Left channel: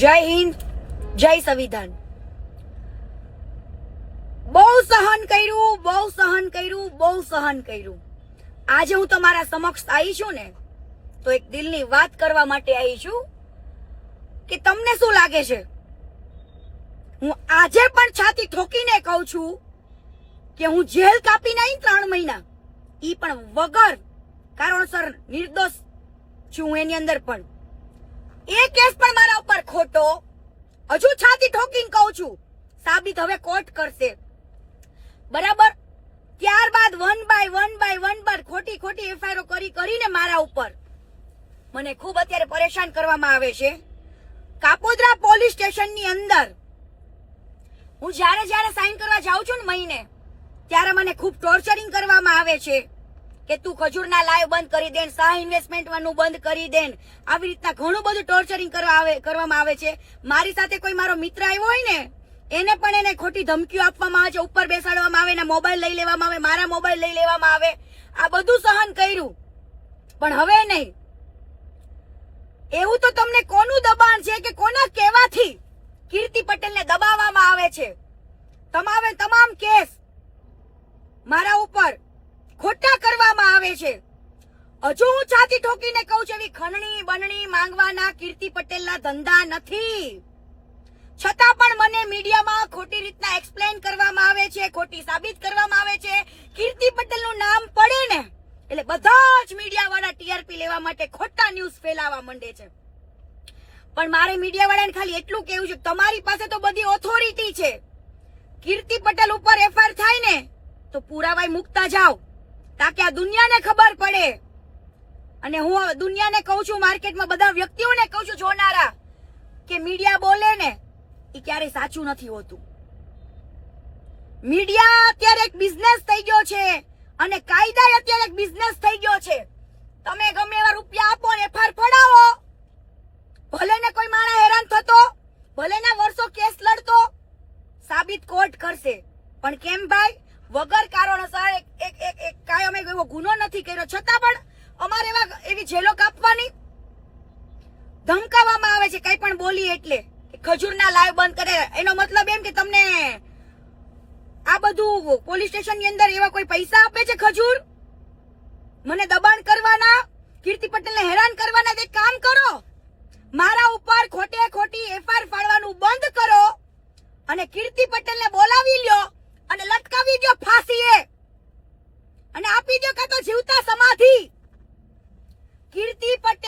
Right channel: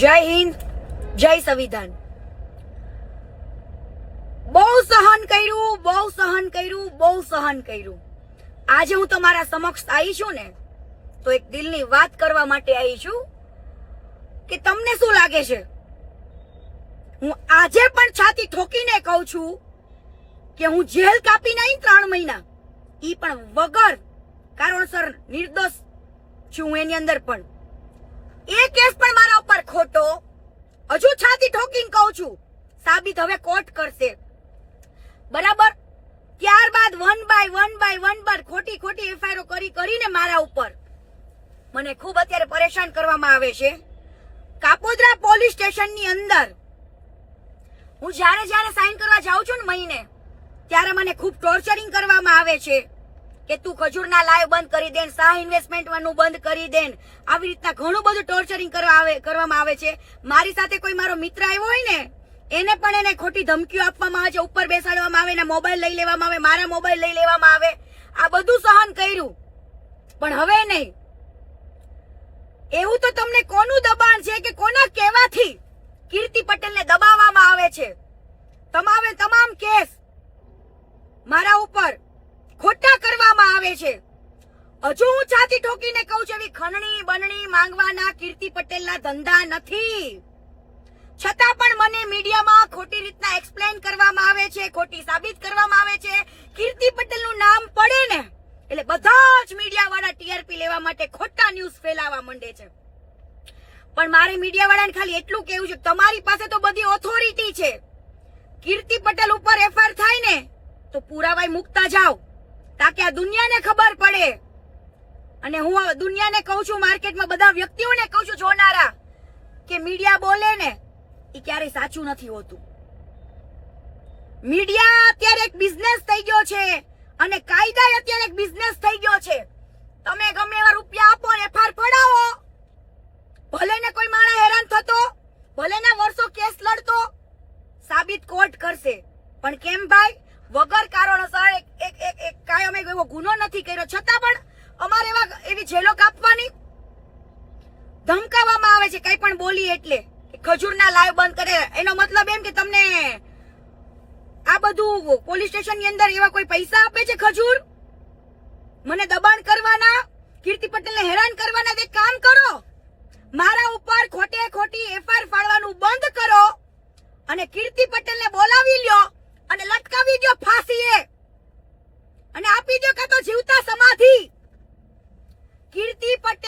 જય હિન્દ, જય સંવિધાન। બહુ સહન કર્યું। આજે હું તમારા સમક્ષ આવી છું ને તો એક દિલની વાત કરવા માટે આવી છું કે તમને શું લાગે છે, હું આજે પણ છાતી ઠોકીને કહું છું કે હું જેલ કાપી નહીં 3 મહિના, ઈ પણ વગર કારણસર નિર્દોષ છું। એની અંદર પણ એ કેસ પણ મારા ઉપર ખોટો, હજુ છાતી ઠોકીને કહું છું, સાબિત હવે કોર્ટ કરશે, બરાબર। ત્યારબાદ વન બાય ખોટી એફઆઈઆર કરીને મારા ઉપર મને ખૂબ અત્યારે પરેશાન કરવામાં આવે છે। કાપોદ્રા પોલીસ સ્ટેશનની અંદર હું જ્યારે સાઈન કરવા જાઉં છું ને મહિને, ત્યારે મને ખૂબ ટોર્ચરિંગ કરવામાં આવે છે કે તું ખજૂરના લાઈવ બંધ કરી દે, શાહ ઇન્વેસ્ટમેન્ટ નું બંધ કરી દે, આવી રીતના ઘણું બધું ટોર્ચરિંગ કરવામાં આવે છે। મારી સાથે કોઈ મારો મિત્ર આવ્યો હોય ને એને પણ એને ખોટી ધમકીઓ આપવામાં આવે છે, ઉપર બેસાડવામાં આવે, એના મોબાઈલ લઈ લેવામાં આવે, મારા મોબાઈલ લઈ લેવામાં આવે। આ બધું સહન કર્યું, પણ હવે નહીં। એવું તો તમને કોનું દબાણ છે કે કોના કહેવાથી કીર્તિ પટેલને દબાવવામાં આવે છે? તમામ કેસ મારા ઉપર ખોટા કરવામાં આવે છે। હજુ હું છાતી ઠોકીને કહું છું, એવી ખણણી બનણી માંગવાના કીર્તિ પટેલના ધંધા નથી। છતાં પણ મને મીડિયામાં ખોટી રીતના એક્સપ્લેન કરવામાં આવે છે, ખોટી સાબિત કરવામાં આવે છે। કીર્તિ પટેલનું નામ પડે ને એટલે બધા જ મીડિયા વાળા ટીઆરપી લેવા માટે ખોટા ન્યૂઝ ફેલાવવા માંડે છે। પણ મારે મીડિયા વાળાને ખાલી એટલું કહેવું છે, તમારી પાસે તો બધી ઓથોરિટી છે, કીર્તિ પટેલ ઉપર એફઆઈઆર થાય ને તો પુરાવાય મુકતા જાઓ, તાકે આ દુનિયાને ખબર પડે। અને હું દુનિયાને કહું છું, માર્કેટમાં બધા વ્યક્તિઓને કહું છું જોનારા, કે મીડિયા બોલે ને એ ક્યારેય સાચું નથી હોતું। મીડિયા અત્યારે એક બિઝનેસ થઈ ગયો છે અને કાયદા અત્યારે એક બિઝનેસ થઈ ગયો છે। તમે ગમે એવા રૂપિયા આપો ને એફઆઈઆર પડાવો, ભલે ને કોઈ માણસ હેરાન થતો, ભલે ને વર્ષો કેસ લડતો, સાબિત કોર્ટ કરશે। પણ કેમ ભાઈ? વગર કારણોસર એક કાયમ એવો ગુનો નથી કર્યો, છતાં પણ અમારે એવી જેલો કાપવાની ધમકાવવામાં આવે છે। કઈ પણ બોલી એટલે ખજૂરના લાઈવ બંધ કરે, એનો મતલબ એમ કે તમને આ બધું પોલીસ સ્ટેશન ની અંદર એવા કોઈ પૈસા આપે છે ખજૂર મને દબાણ કરવાના, કીર્તિ પટેલને હેરાન કરવાના? એક કામ કરો, મારા ઉપર ખોટી એફઆઈઆર ફાડવાનું બંધ કરો અને કીર્તિ પટેલને બોલાવી લ્યો અને લટકાવી દો ફાંસીએ, અને આપી દો કાં તો જીવતા સમાધિ। કીર્તિ પટેલ